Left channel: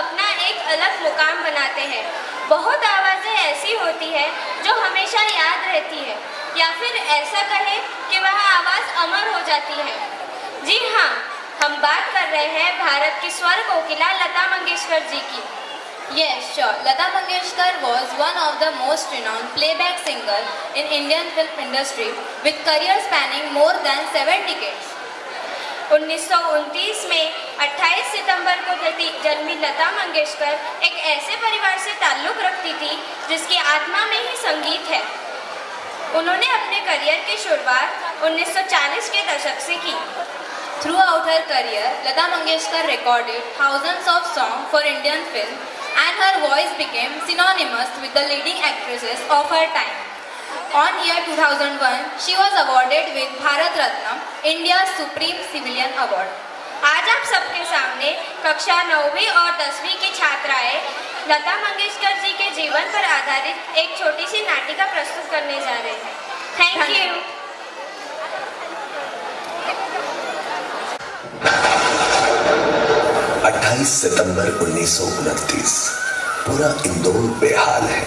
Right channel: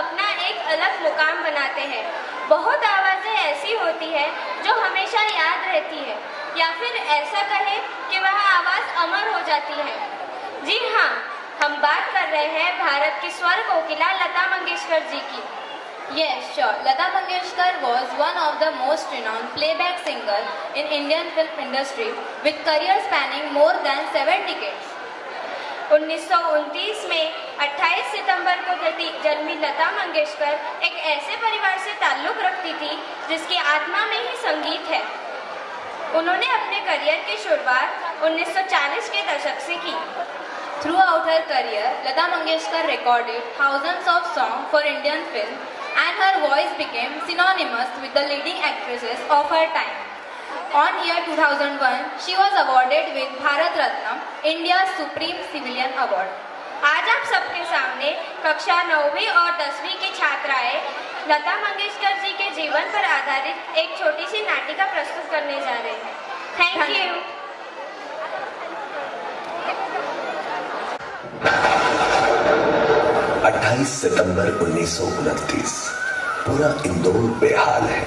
अपना एक अलग मुकाम बनाते हैं। बहुत आवाज़ें ऐसी होती है जो हमेशा याद रहती है, या फिर ऐसा कहें कि वह आवाज़ अमर हो जाती है। जी हाँ, हम बात कर रहे हैं भारत की स्वर कोकिला लता मंगेशकर जी की। Yes, sure. Lata Mangeshkar was one of the most renowned playback singers in Indian film industry with career spanning more than 7 decades. 1929 में 28 सितंबर को जन्मी लता मंगेशकर एक ऐसे परिवार से ताल्लुक़ रखती थी जिसकी आत्मा में ही संगीत है। उन्होंने अपने करियर की शुरुआत 1940 के दशक से की। Throughout her career, Lata Mangeshkar recorded thousands of songs for Indian film, and her voice became synonymous with the leading actresses of her time. On year 2001, she was awarded with Bharat Ratna, India's Supreme Civilian Award. आज आप सबके सामने कक्षा 9वीं और 10वीं की छात्राएं लता मंगेशकर जी के जीवन पर आधारित एक छोटी सी नाटिका प्रस्तुत करने जा रहे हैं। Thank you. 28 सितंबर 1929 पूरा इंदौर बेहाल है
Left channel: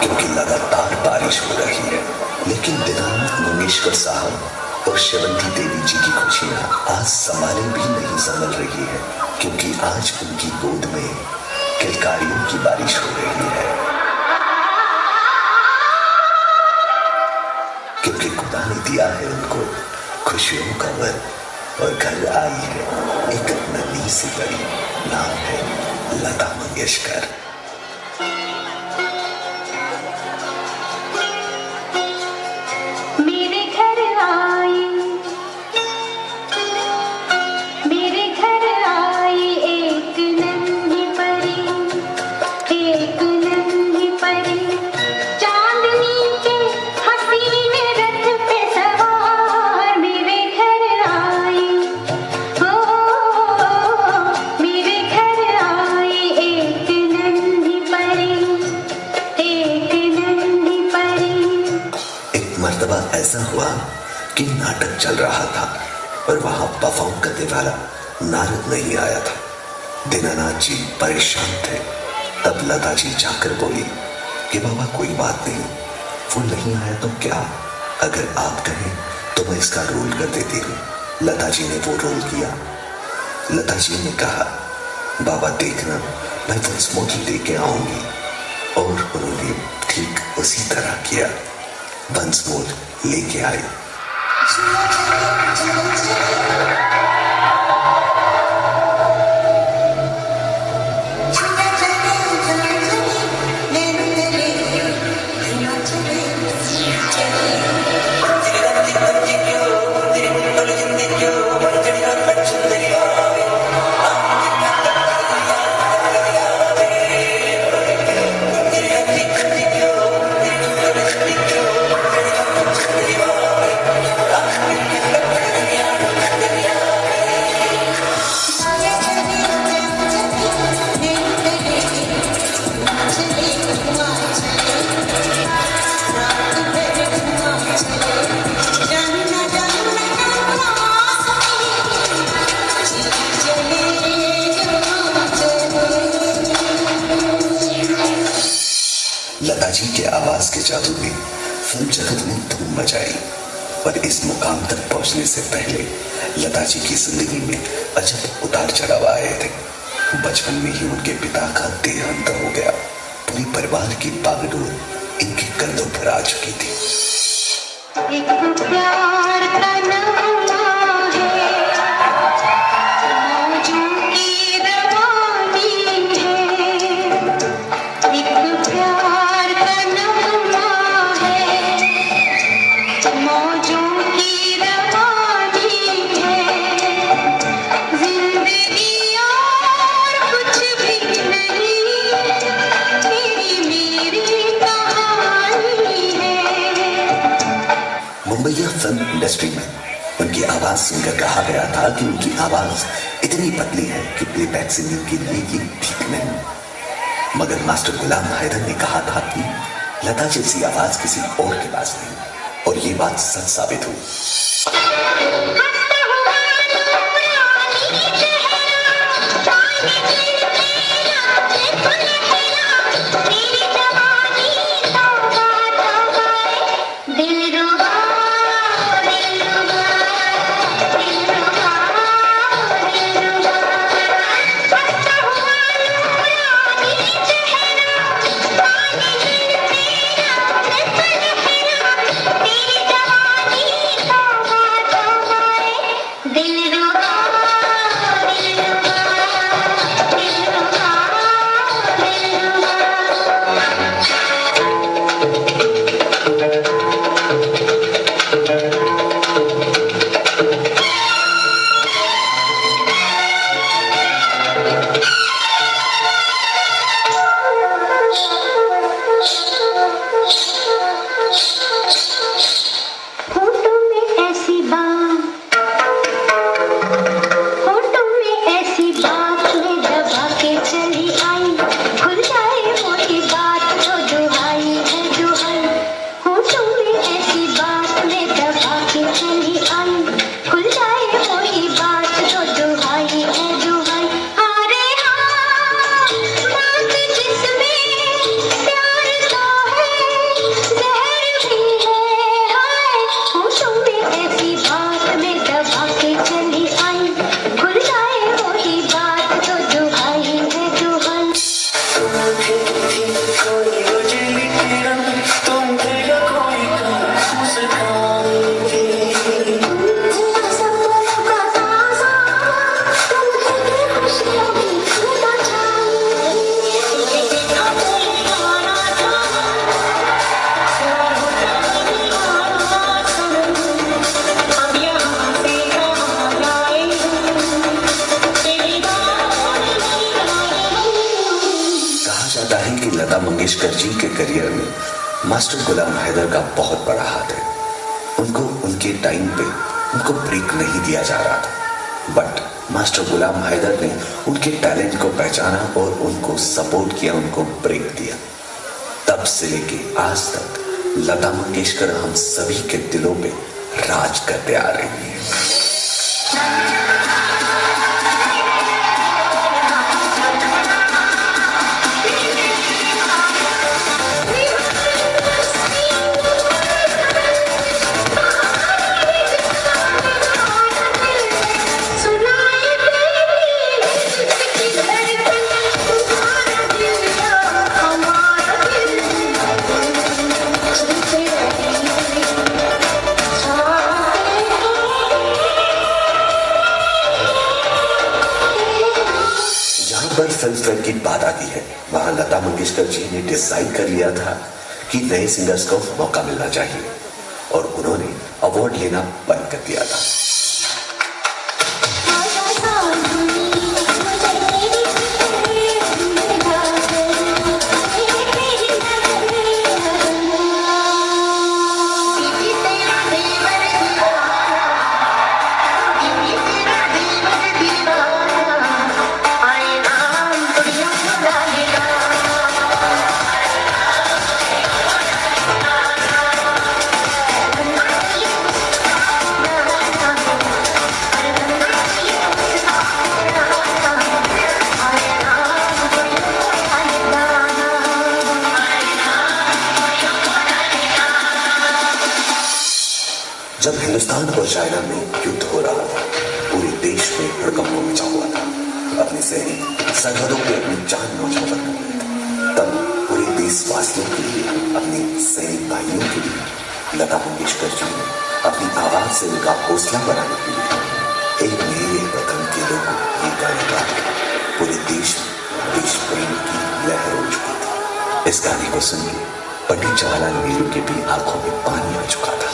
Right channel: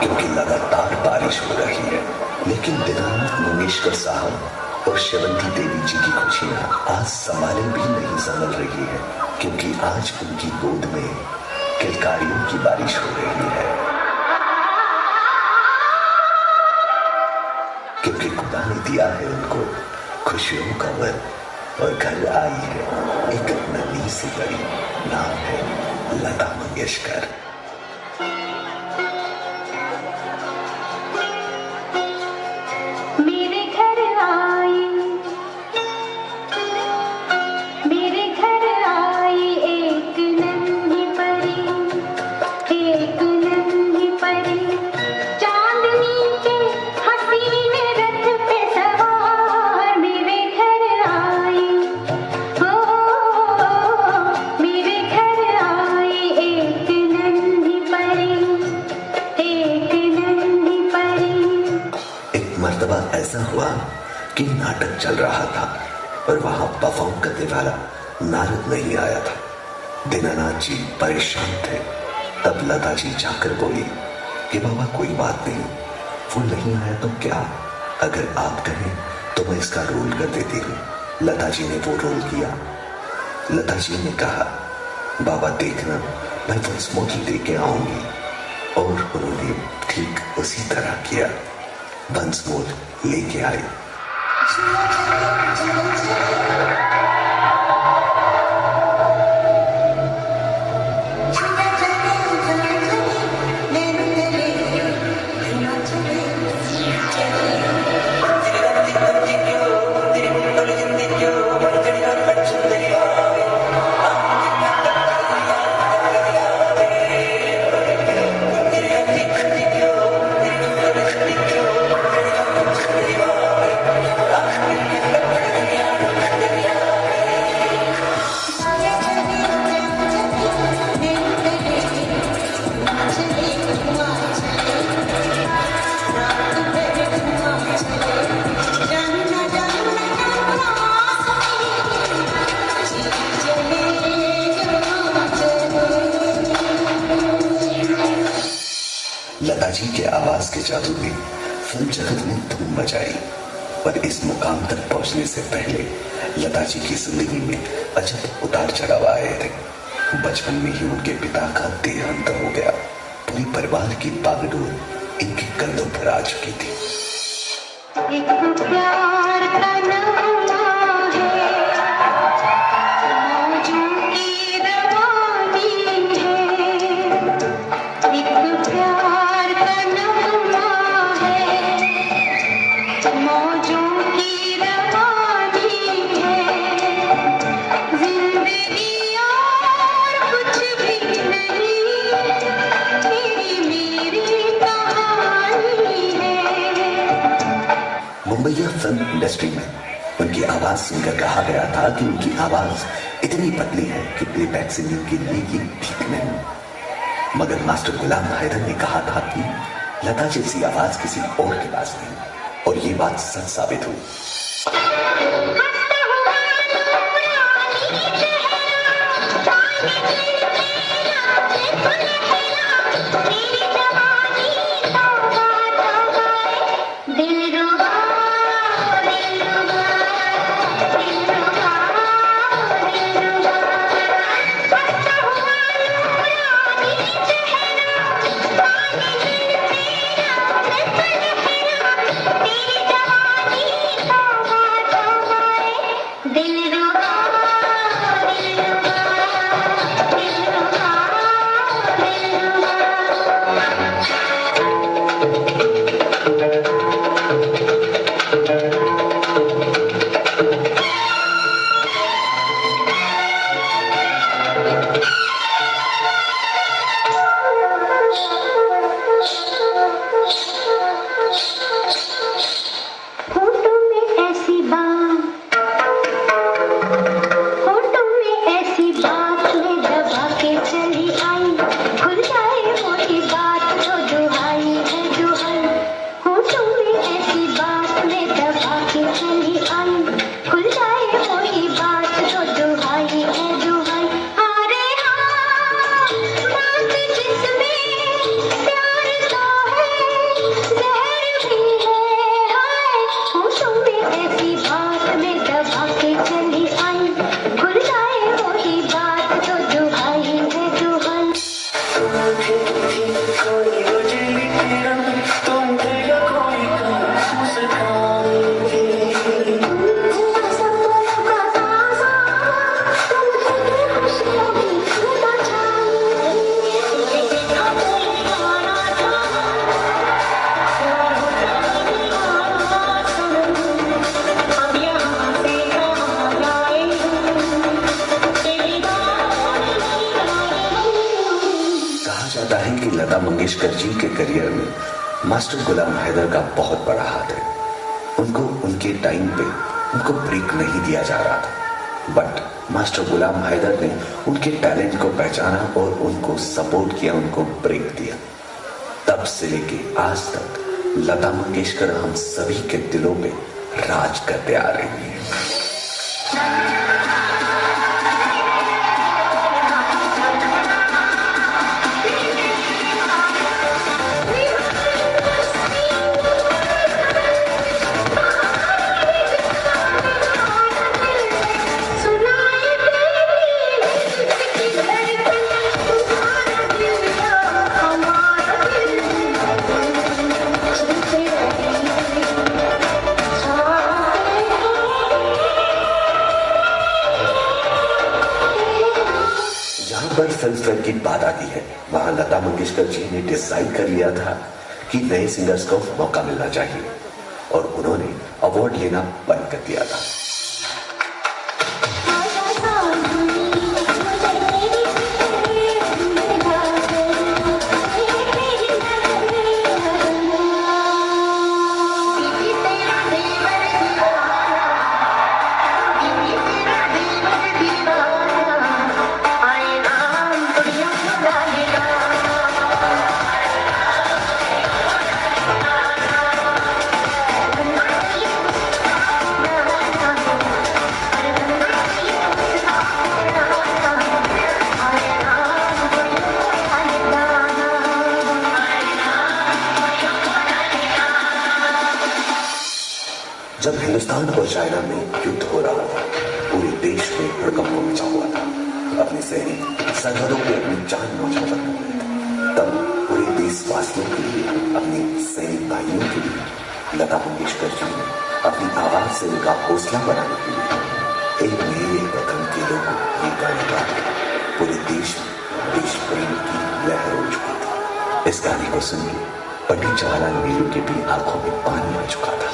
क्योंकि लगातार बारिश हो रही है। लेकिन दिनानाथ मंगेशकर साहब और शेवंती देवी जी की खुशियां आज संभाले भी नहीं संभल रही है, क्योंकि आज उनकी गोद में किलकारियों की बारिश हो रही है। क्योंकि खुदा ने दिया है उनको खुशियों का वर, और घर आई है एक नन्ही सी बड़ी, नाम है लता मंगेशकर। ऐसा हुआ कि नाटक चल रहा था और वहां परफॉर्म करने वाला नारद नहीं आया था। दीनानाथ जी परेशान थे। तब लता जी जाकर बोली कि बाबा कोई बात नहीं, वो नहीं आया तो क्या, अगर आप कहें तो मैं इसका रोल कर देती हूँ। लता जी ने वो रोल किया। लता जी ने कहा बाबा देखना मैं वंस मोर लेके आऊंगी, और उन्होंने ठीक उसी तरह किया। वंस मोर लेके आई। लता जी के आवाज के जादू में फिल्म जगत ने धूम मचाई, पर इस मुकाम तक पहुंचने से पहले लता जी की जिंदगी में अजब उतार चढ़ाव आए थे। बचपन में ही उनके पिता का देहांत हो गया। पूरे परिवार की बागडोर इनके कंधों पर आ चुकी थी। एक प्यार का नगमा है, मौजों की रवानी है। एक प्यार का नगमा है, मौजों की रवानी है। जिंदगी और कुछ भी नहीं, मेरी कहानी है। मुंबईया फिल्म इंडस्ट्री में उनकी आवाज सुनकर कहा गया था कि उनकी आवाज इतनी पतली है कि प्लेबैक सिंगिंग के लिए ये ठीक नहीं। मगर मास्टर गुलाम हैदर ने कहा था कि लता जैसी आवाज किसी और के पास नहीं, और ये बात सच साबित हुई। हंसता हुआ नूरानी चेहरा, लगता है कि लता मंगेशकर जी के करियर में मास्टर गुलाम हैदर का बहुत बड़ा हाथ है। उनको उनके टाइम पे उनको ब्रेक नहीं दिया जा रहा था, बट मास्टर गुलाम हैदर ने उनके टैलेंट को पहचाना और उनको सपोर्ट किया, उनको ब्रेक दिया। तब से लेके आज तक लता मंगेशकर हम सभी के दिलों पे राज करते आ रही है। फिल्म फेयर की बात आती है, वहां लता मंगेशकर जी ने डिसाइड कर लिया था कि नए सिंगर्स को मौका मिलना चाहिए और उन्होंने अवार्ड लेना बंद कर दिया था। जब हिंदुस्तान और चाइना में युद्ध हो रहा था, पूरे देश में हड़कंप मचा हुआ था। अपने सैनिक सरहदों पे अपनी जान न्यौछावर कर रहे थे। तब पूरे देशवासियों के लिए, अपने सैनिक भाइयों के लिए लता मंगेशकर जी ने अपनी आवाज से उनका हौसला बढ़ाने के लिए एक मेरे वतन के लोगों ये गाने गाए। पूरे देश में देश प्रेम की लहर उठ चुकी थी। इस गाने को सुनकर पंडित जवाहरलाल नेहरू के भी आंखों में पानी आ चुका था।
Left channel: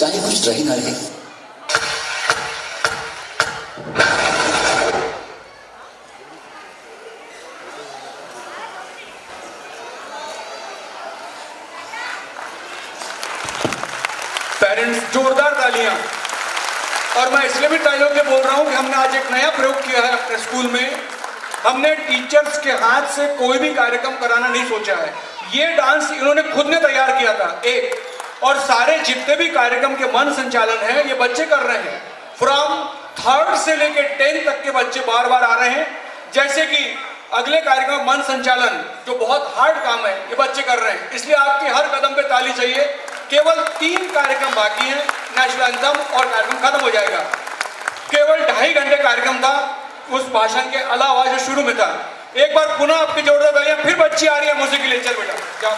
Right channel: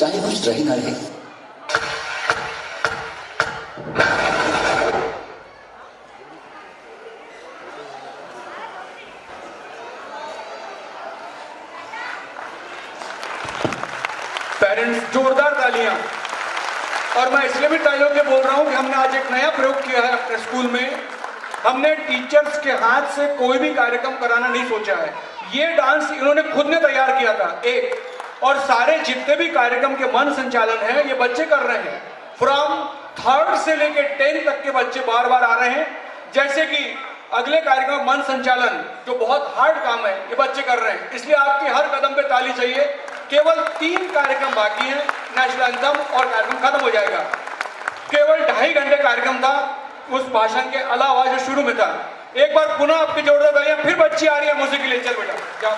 चाहे कुछ रही ना रही। पेरेंट्स जोरदार तालियां। और मैं इसलिए भी तालियों के बोल रहा हूं कि हमने आज एक नया प्रयोग किया है अपने स्कूल में। हमने टीचर्स के हाथ से कोई भी कार्यक्रम कराना नहीं सोचा है। ये डांस इन्होंने खुद ने तैयार किया था एक, और सारे जितने भी कार्यक्रम के मन संचालन है ये बच्चे कर रहे हैं। फ्रॉम 3rd से लेके 10th तक के बच्चे बार बार आ रहे हैं। जैसे कि अगले कार्यक्रम मन संचालन जो बहुत हार्ड काम है ये बच्चे कर रहे हैं, इसलिए आपकी हर कदम पे ताली चाहिए। केवल 3 कार्यक्रम बाकी हैं, नेशनल एंथम और कार्यक्रम खत्म हो जाएगा। केवल 2.5 घंटे कार्यक्रम था उस भाषण के अलावा जो शुरू में था। एक बार पुनः आपकी जोरदार तालियां। फिर बच्ची आ रही है म्यूजिक के लिए। चल बेटा जाओ।